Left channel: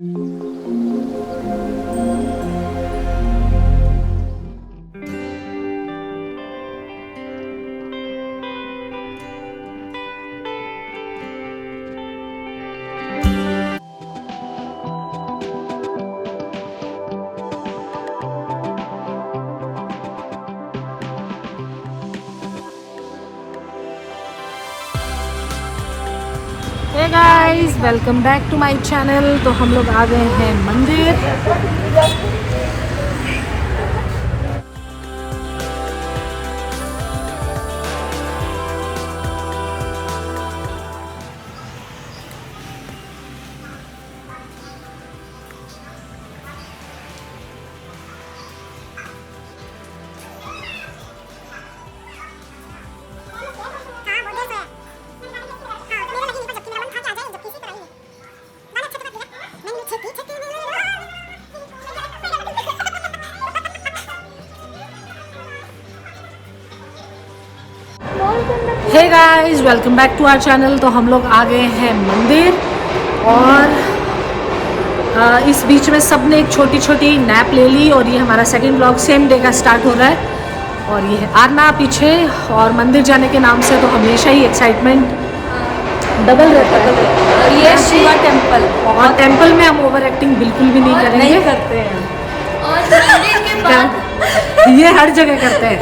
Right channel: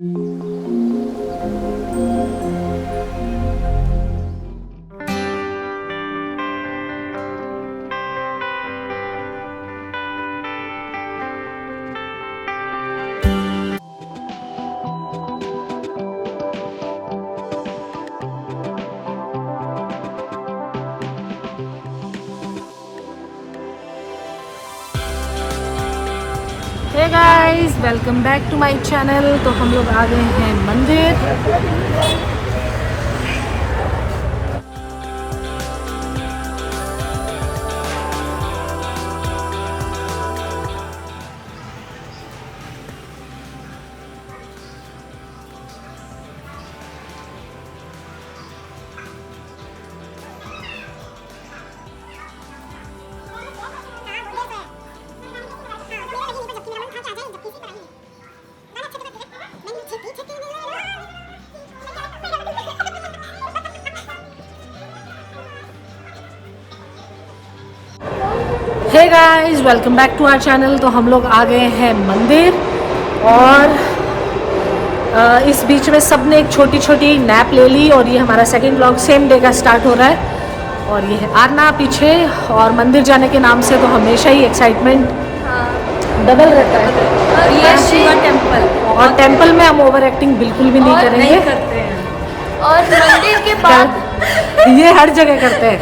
Hey guys, welcome back to my channel. तो हम लोग आ गए हैं मंदिर। Hey guys, welcome back to our channel. तो हम लोग आ गए हैं मंदिर और इस बीच में सब ने एक छोटी छोटी नैप ले ली और ये हमारा सेकंड व्लॉग सेम डे का स्टार्ट हो रहा है। और ये है आरना पीछे। और मंदिर जाने के नाम से तो हमेशा ही एक्साइटमेंट डबल रहता है। ये शिवा टेम्पल और टेम्पल में हम ओवर एक्टिंग बिल्कुल भी नहीं करेंगे। नहीं करते हैं। और मंदिर के बाद ये हर जगह करते हैं।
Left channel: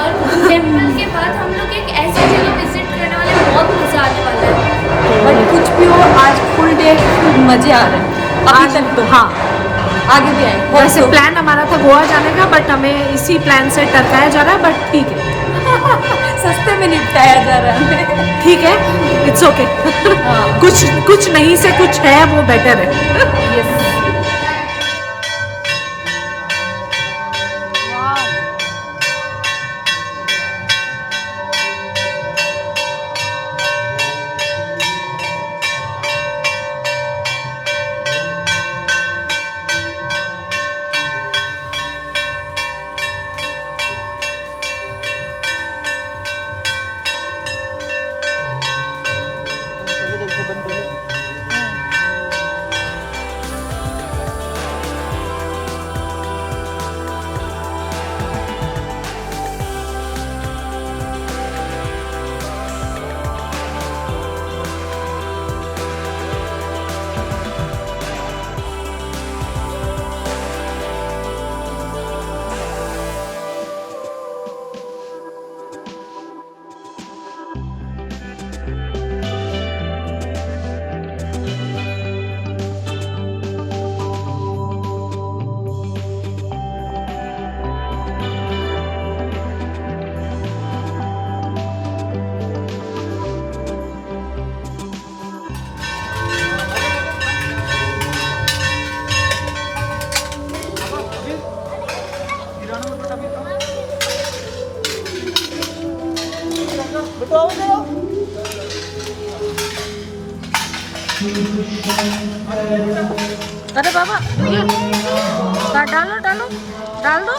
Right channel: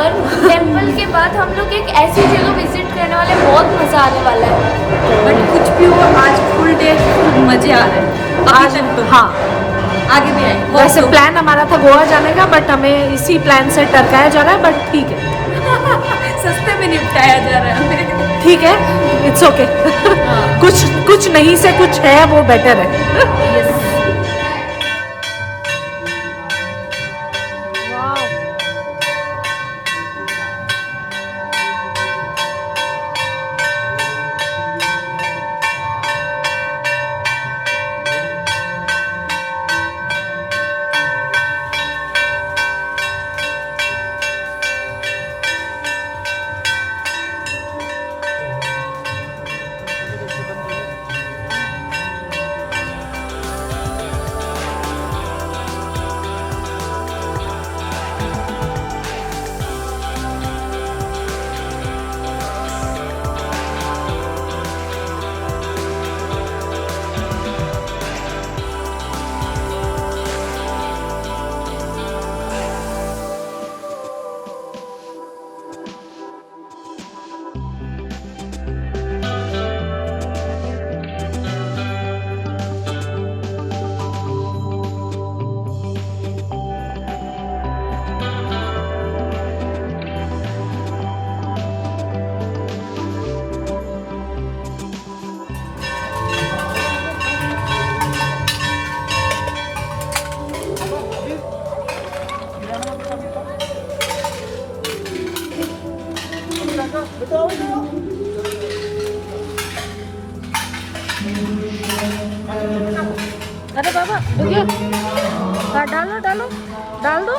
और टेम्पल के बाद हम लोग एक ऐसी जगह विजिट करने वाले हैं, बहुत मजा आने वाला है। बट कुछ भी हो, आज फुल डे मजे आ रहे हैं। आज तो हाँ, आगे भी आएंगे। वैसे प्लान हमारा था गोवा जाने का, बट हमें इसी प्लान से टरकाया जा रहा है। बट ठीक है, सस्ते में निपटाया जा रहा है हमें। ठीक है, इट्स ओके। हाँ। कुछ नहीं से कुछ है, वो बेटर है। Yes. अरे बाबा रुकिए, डालो डालो डाल दो।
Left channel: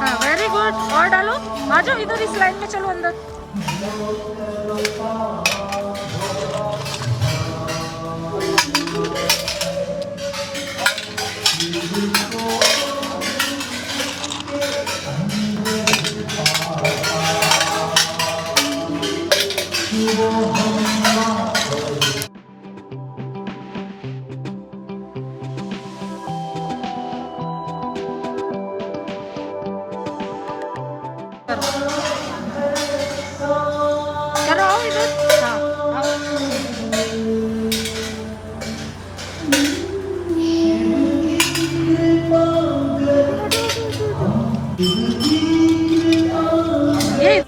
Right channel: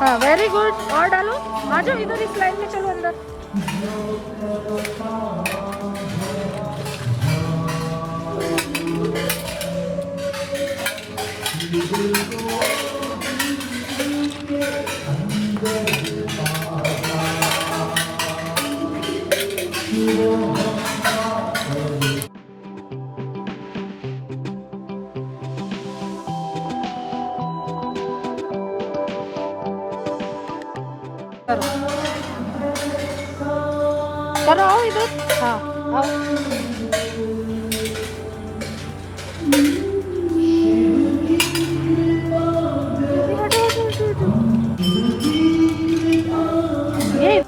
हाँ, वेरी गुड। और डालो, आ जाओ इधर, इस लाइन में चलो अंदर। करो करो, आओ इधर। हाँ आओ। ये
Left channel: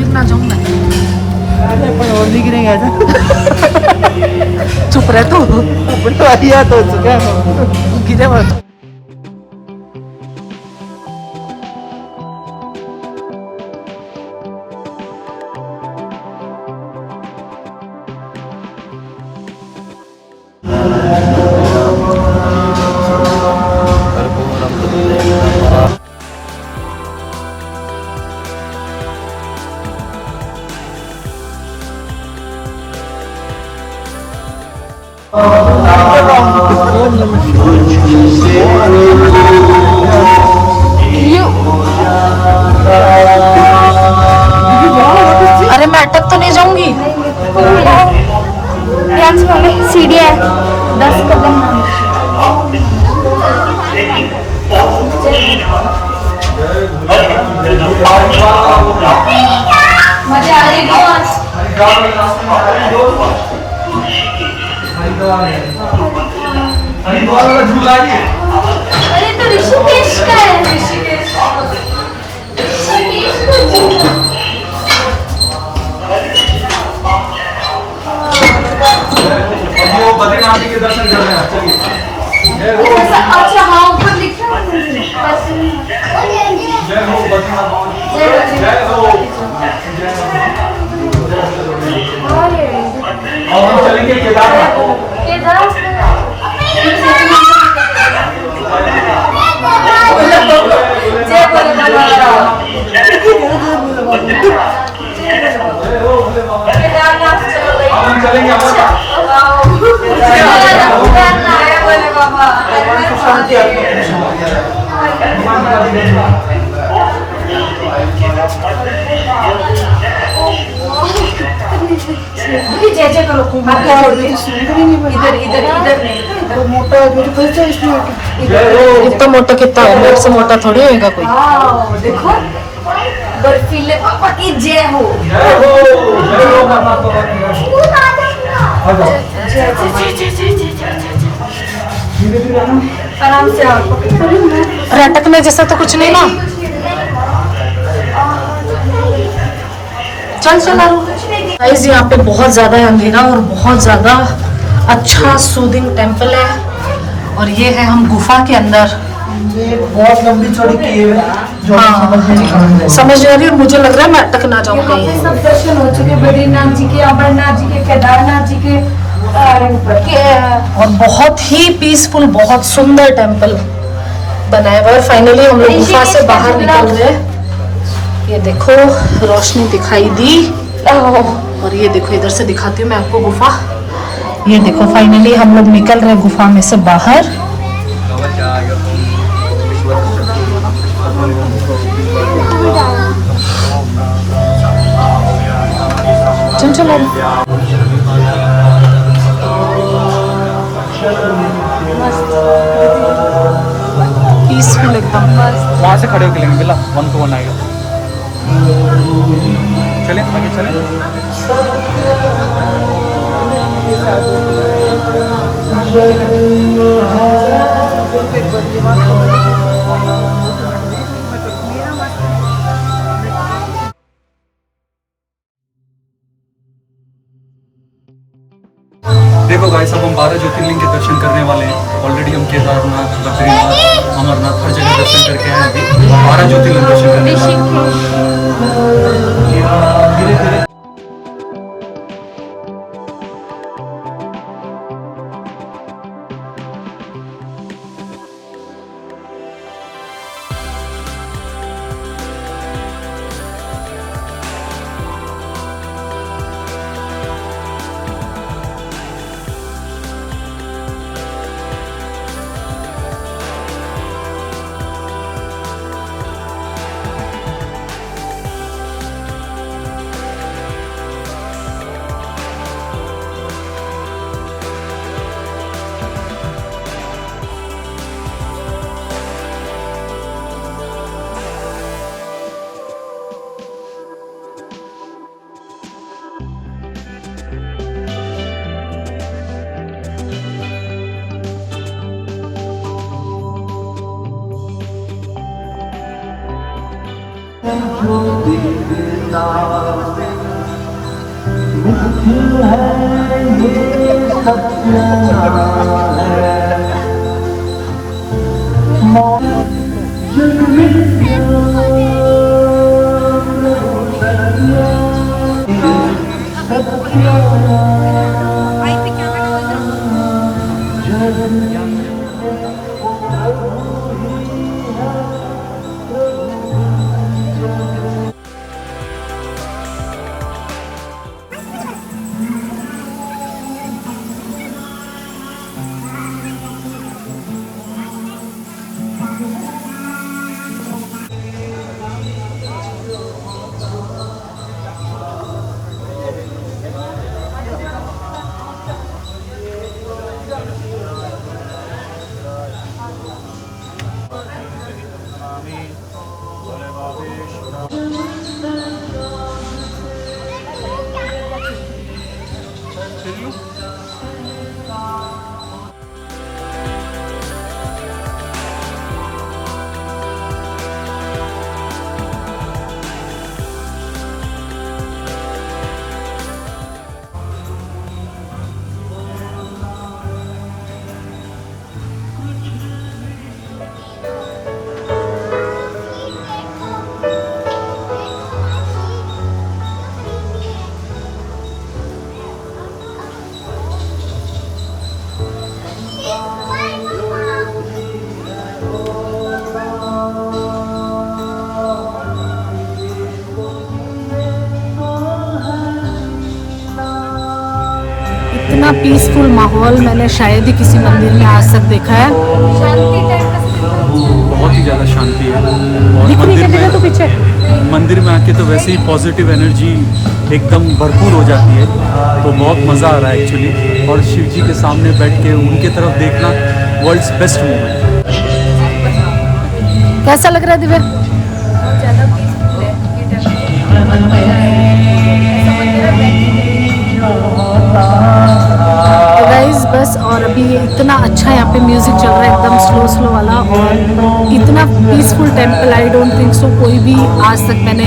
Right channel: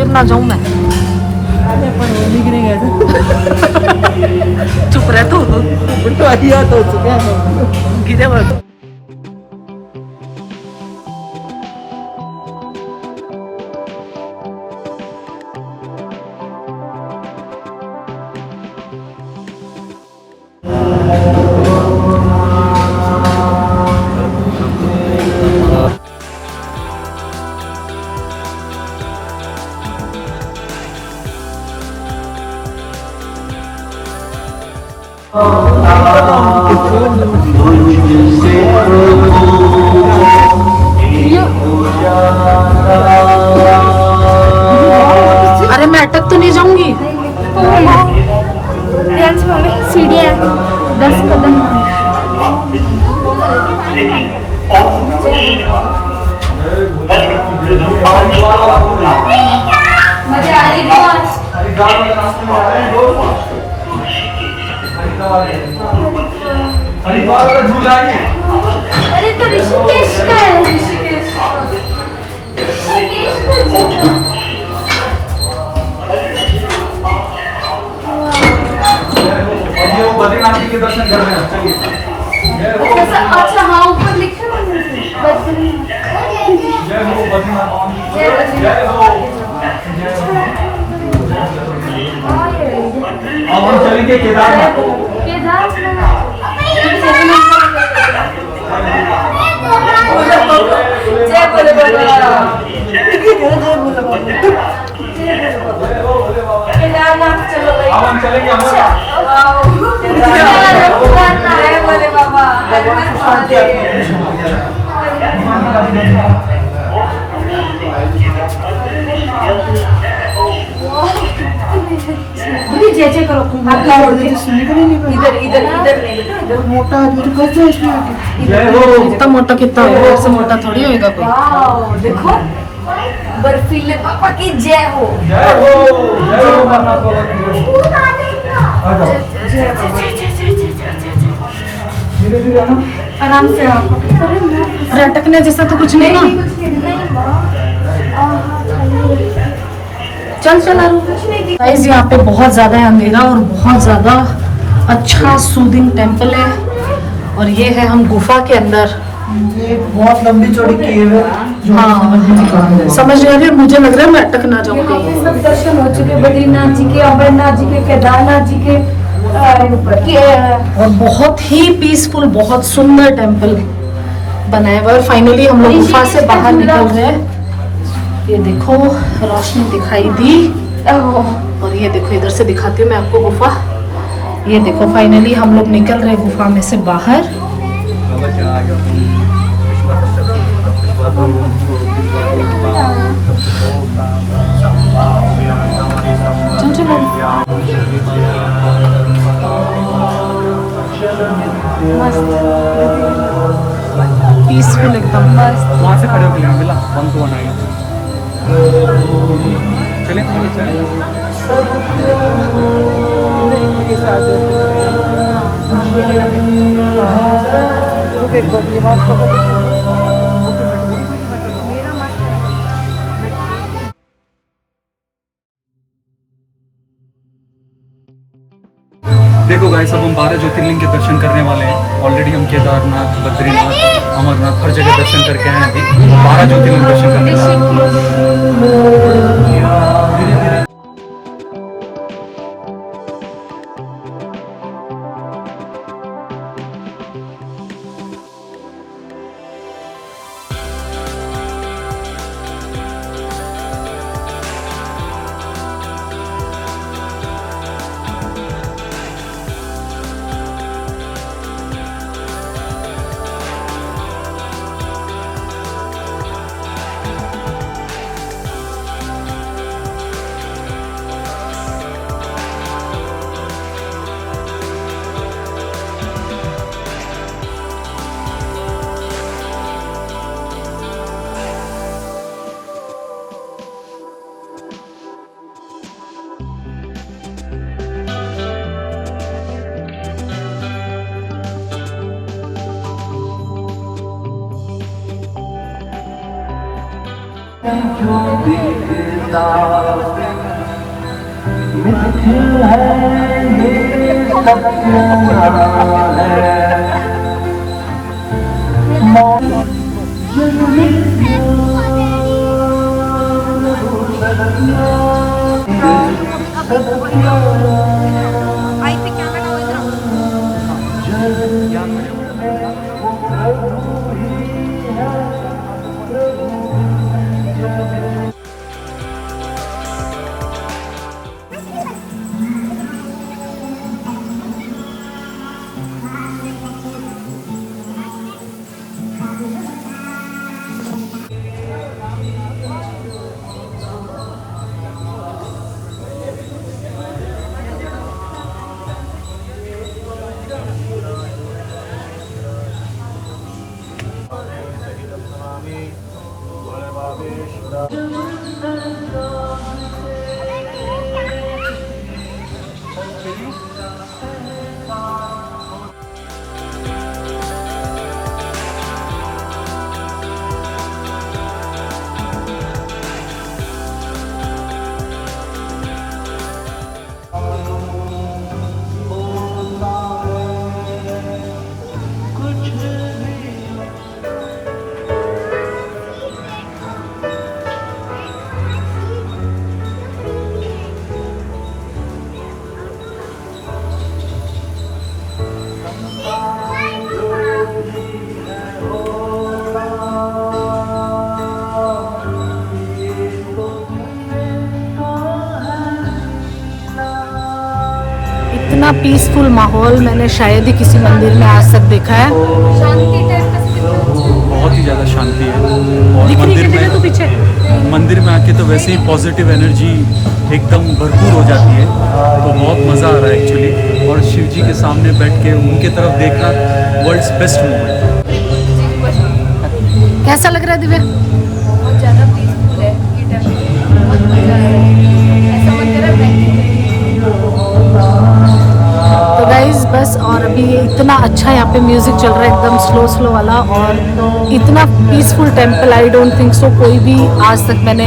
गिर ना जाऊं मैं। अरे अपन और नहीं गिरेंगे ऐसा। चुप रह तू, बढ़िया तो चुका है। गिरे मत। अरे मैं अटक तो नहीं जाऊंगी। सीढ़ियाँ 10 कदम। मजा आ रही अरे तो ऋषिकेश का है। ऋषिकेश बद्रीनाथ के दर्शन कर लेना। चलिए। अच्छा हाँ ऊपर लिखा है जय हो बद्रीनाथ भगवान की। जय हो। हम चलेंगे केदारनाथ। जय बोलो बाबा। केदारनाथ चलो भाई। हम चलेंगे। जय बोले बाबा। जय जय करो। इधर इधर इधर नहीं इधर मोटा आदमी तो फंस जाए इसमें आके। जय हो। इतना मोटा कितना मेरे से मोटा थोड़ी होएगा कोई। देखो बर्फीले पापा की जय हो। जय हो। जय हो बद्रीनाथ बाबा की। आराम से आओ। अरे अटकने जैसा तो कुछ नहीं ना। चल चल आरू। गाइस यहाँ पे बहुत ज्यादा है अंधेरा और बहुत ज्यादा अच्छा सूदिंग टेम्पल है। और ये है हम गुफा के अंदर। ये बहुत लंबी चौड़ी केव है जो हाँ समझ नहीं आ रही, मुझे लग रहा है मैं अटक ना जाऊँ कहीं। सब दर्शन हो चुके बद्रीनाथ जी के, अमरनाथ जी के, केदारनाथ जी के। और बहुत ही पीसफुल, बहुत सुंदर टेम्पल बनाया हुआ है। फाइनली हम लोग गुफा से बाहर निकल रहे हैं। ये देखो रोशनी दिखाई दी। और ये देखो इधर से दिखाती हूँ मैं आपको गुफा। ये देखो फाइनली हम लोग निकल रहे हैं गुफा में से बाहर। चल चल पीसफुल एकदम। वहाँ से खड़े होकर लेंगे मिला हमको बनाएगा। चलिए चलिए। देखो गाइस अब हम 12 ज्योतिर्लिंग के दर्शन करने वाले हैं। ऑलरेडी हम केदारनाथ, बद्रीनाथ, अमरनाथ हर जगह दर्शन करके आए हैं। अभी 12 ज्योतिर्लिंग दर्शन करने वाले हैं। इतना पीसफुल माहौल मैंने शायद ही किसी मंदिर में आज तक देखा है। शांति टाइप का बहुत ही ज़्यादा शांति है। और मंदिर में आके तो वैसे ही पॉजिटिव एनर्जी एकदम भरपूर हो जाती है, तो बहुत मज़ा आ रहा है एक्चुअली। और शिव जी के सामने बैठ के उनके तरफ देखना वर्ल्ड्स बेस्ट मोमेंट। कैसा लग रहा है दिव्या? बहुत ज़्यादा पीसफुल है ये टेम्पल, बहुत मज़ा आया। ऐसा मन कर रहा है तो गाइज बस, और अभी ये इतना अच्छा यहाँ पे म्यूजिक चल रहा है एकदम स्लो वाला, और इतना peaceful temple I don't think so कोई भी आज तक मैंने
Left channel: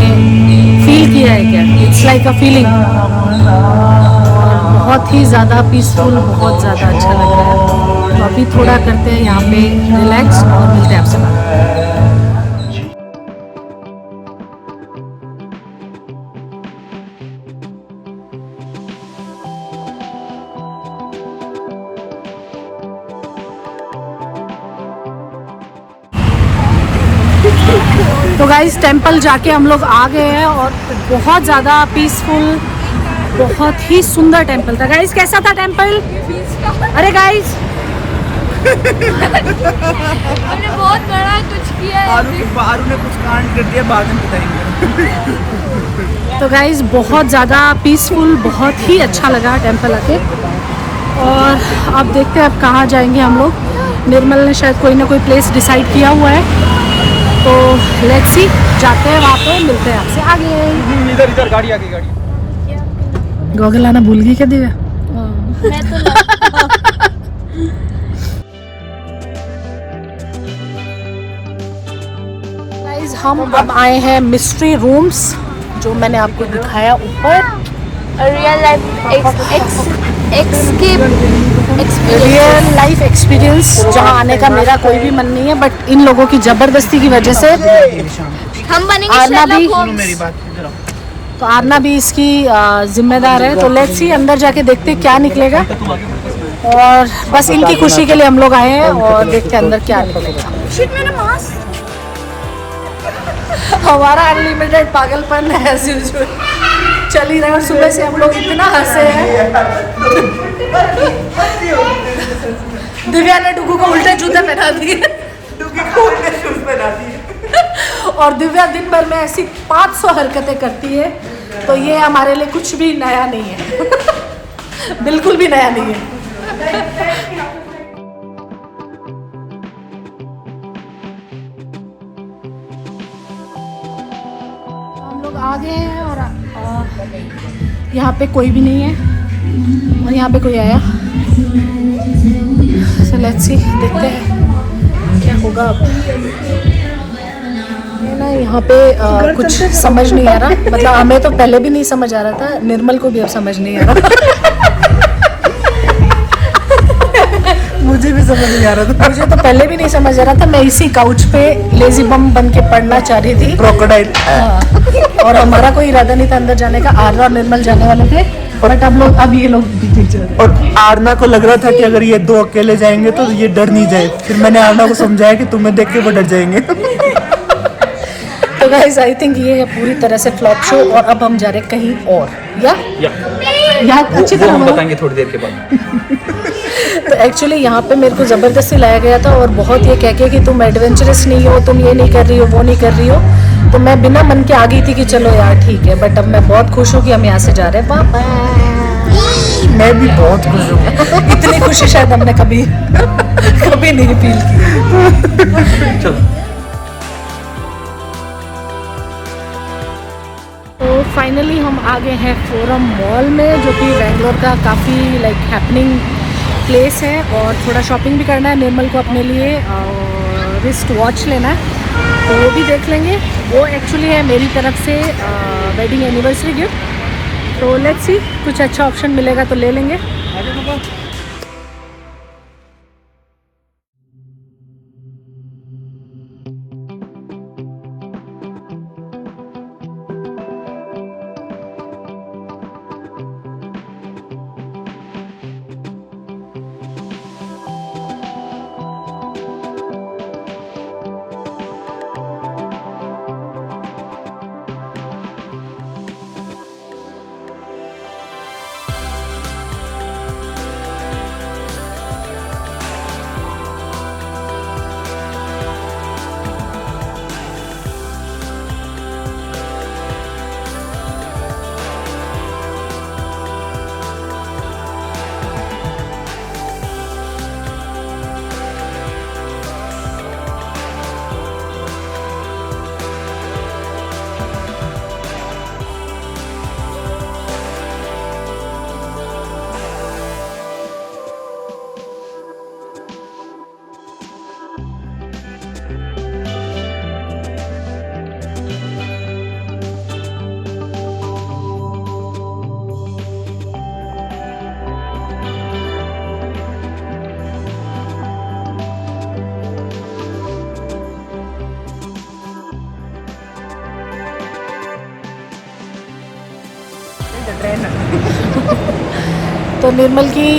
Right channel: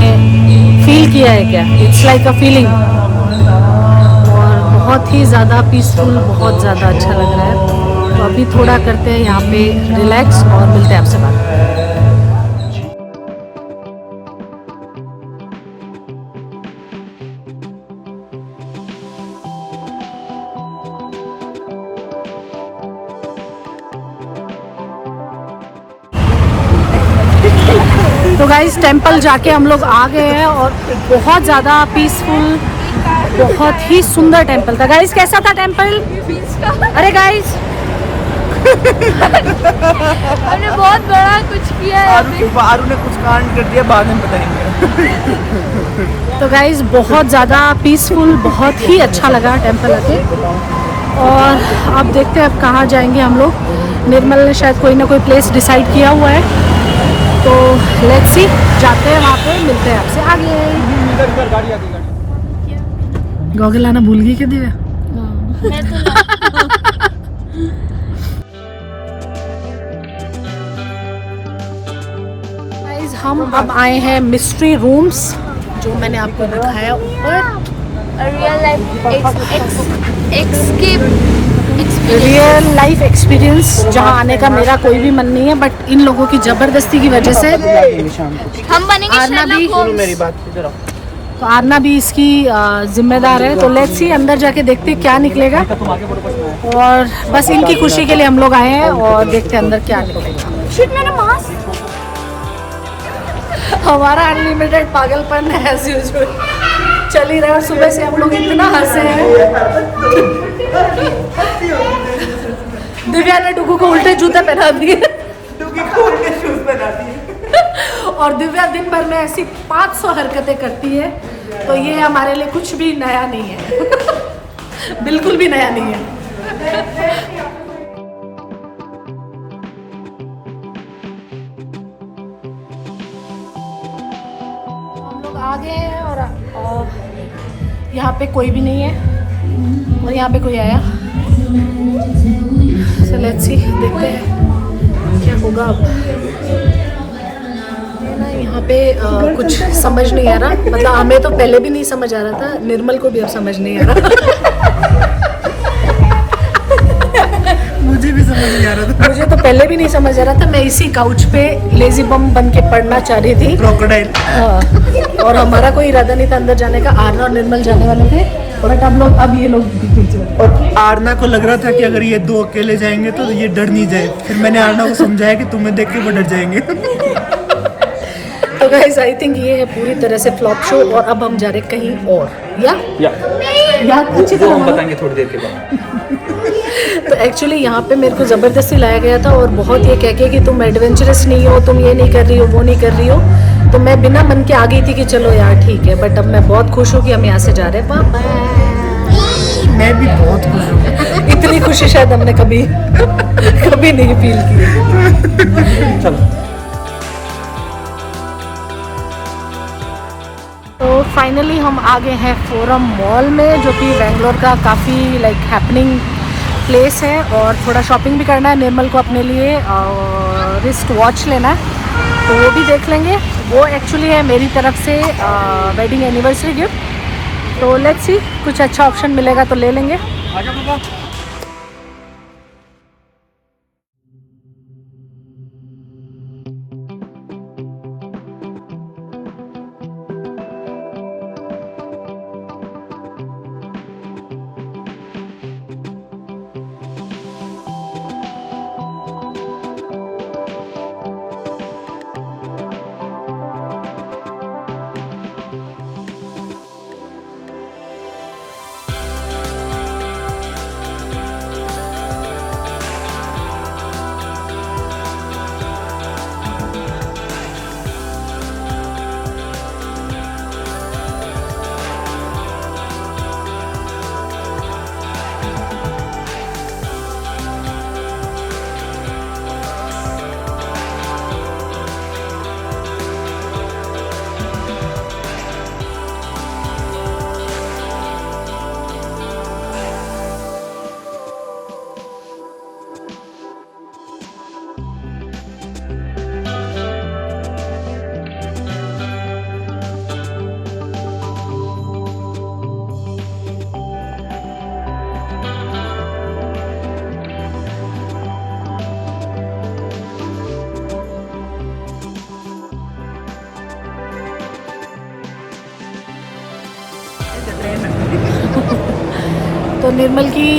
फील किया है क्या। इट्स लाइक अ फीलिंग, और बहुत ही ज़्यादा पीसफुल, बहुत ज़्यादा अच्छा लग रहा है। तो अभी थोड़ा करते हैं यहाँ पे रिलैक्स और मिलते हैं आपसे बात। तो गाइस टेंपल जाके हम लोग आ गए हैं, और बहुत ज़्यादा पीसफुल, बहुत ही सुंदर टेंपल था। गाइस कैसा था टेंपल? अरे गाइस हमने बहुत बड़ा कुछ किया है। आरू ने कुछ कांड कर दिया, बाद में बताएंगे। तो गाइस बहुत ज़्यादा पीसफुल, बहुत ही अच्छा लगा टेंपल आके। और अब देखते हैं अब कहाँ जाएंगे हम लोग। निर्मल ने शायद कोई ना कोई प्लेस डिसाइड किया हुआ है, तो लेट्स सी, जाते हैं वहाँ पे, मिलते हैं आपसे आगे। इधर गाड़ी आ गई, गाड़ी। गॉगल लाना भूल गई क्या दिव्या? मैं तो गाइस हम अब आए हैं मिस्ट्री रूम्स, जो मैंने आपको दिखाया ऊपर। रियल लाइफ एक्सपीरियंस, जहाँ आने का मेरा कोई भी मन नहीं है, बट इन लोगों की ज़बरदस्ती की वजह से हम बनेंगे आरना भी, मेरी बात जरा। तो आरना भी इसकी जिम्मेदार है। तो लेट्स सी, अंदर जाके देखते हैं क्या निकलेगा, और बस इनकी खुशी के लिए हम लोग आए हैं, और देखते हैं अंदर क्या निकलेगा। हमारा अनलिमिटेड पागलपन है एज यूजुअल चल ही रहा है, और सुबह से हम लोग इतना हंसे हैं। दिव्या ने डुगू को उल्टे जूते पहना दिए, डुगी को उल्टे शूज पहना दिए। और दिव्या दिन भर में ऐसी 500 हरकतें करती है, तो ये हमारे लिए कुछ भी नया नहीं है। बिल्कुल भी नया नहीं है। हम लोग आ गए हैं, और यहाँ पे कोई भी नहीं है, और यहाँ पे कोई आया। So let's see, देखते हैं क्या होगा अब। ये ना यहाँ पे कुछ समझ नहीं आ रहा, मतलब हमें तो पहले भी नहीं समझ आ रहा था, निर्मल को भी अब समझ नहीं आ रहा। समझ नहीं आ रहा था। मुझे तो पहले भी नहीं समझ आ रहा था, मैं इसी काउच पे लेजी बम बन के पढ़ना चाह रही थी। क्रोकोडाइल। हाँ। और हमारा कोई इरादा नहीं था अंदर जाने का, आर्ना और निर्मल जाने वाले थे, बट अब ये लोग पीछे चले। और आरना को लग रहा था कि अगर ये दो अकेले जाएंगे तो ये डर नहीं जाए। फिर मैंने आरना को समझाया कि तुम्हें देख के वो डर जाएंगे। तो गाइस आई थिंक ये है पूरी तरह से फ्लॉप शो, और अब हम जा रहे हैं कहीं और। यहाँ अच्छी वो तरह हम बताएंगे थोड़ी देर के बाद। तो एक्चुअली यहाँ पे मेरे को ज़बरदस्ती लाया गया था, और बहुत ये कह के कि तुम एडवेंचरस नहीं हो, तुम ये नहीं कर रही हो, वो नहीं कर रही हो, तो मैं बिना मन के आ गई थी कि चलो यार ठीक है। बट अब मैं बहुत खुश हूँ कि हम यहाँ से जा रहे हैं। पापा मैं भी बहुत खुश हूँ। इतनी खुशी शायद हमने कभी नहीं फील की। चलो। तो फाइनली हम आ गए हैं फोरम मॉल में, जो कि बेंगलोर का काफ़ी लाइक हैपनिंग प्लेस है, और थोड़ा शॉपिंग भी करना है। निर्मल को अपने लिए रिस्ट वॉच लेना है, तो वो भी देख लेंगे। वो एक्चुअली है मेरी तरफ से वेडिंग एनिवर्सरी गिफ्ट। तो लेट्स सी, कुछ अच्छा ऑप्शन मिलेगा तो ले लेंगे। तो निर्मल की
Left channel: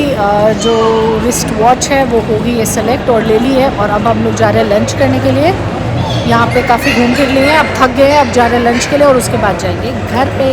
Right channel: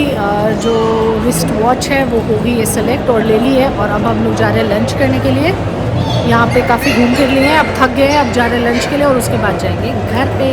जो रिस्ट वॉच है वो हो गई है सेलेक्ट और ले ली है, और अब हम लोग जा रहे हैं लंच करने के लिए। यहाँ पे काफ़ी घूम फिर लिए हैं, अब थक गए हैं, अब जा रहे हैं लंच के लिए, और उसके बाद जाएंगे घर पे।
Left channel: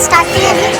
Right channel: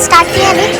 स्टार्ट किए अभी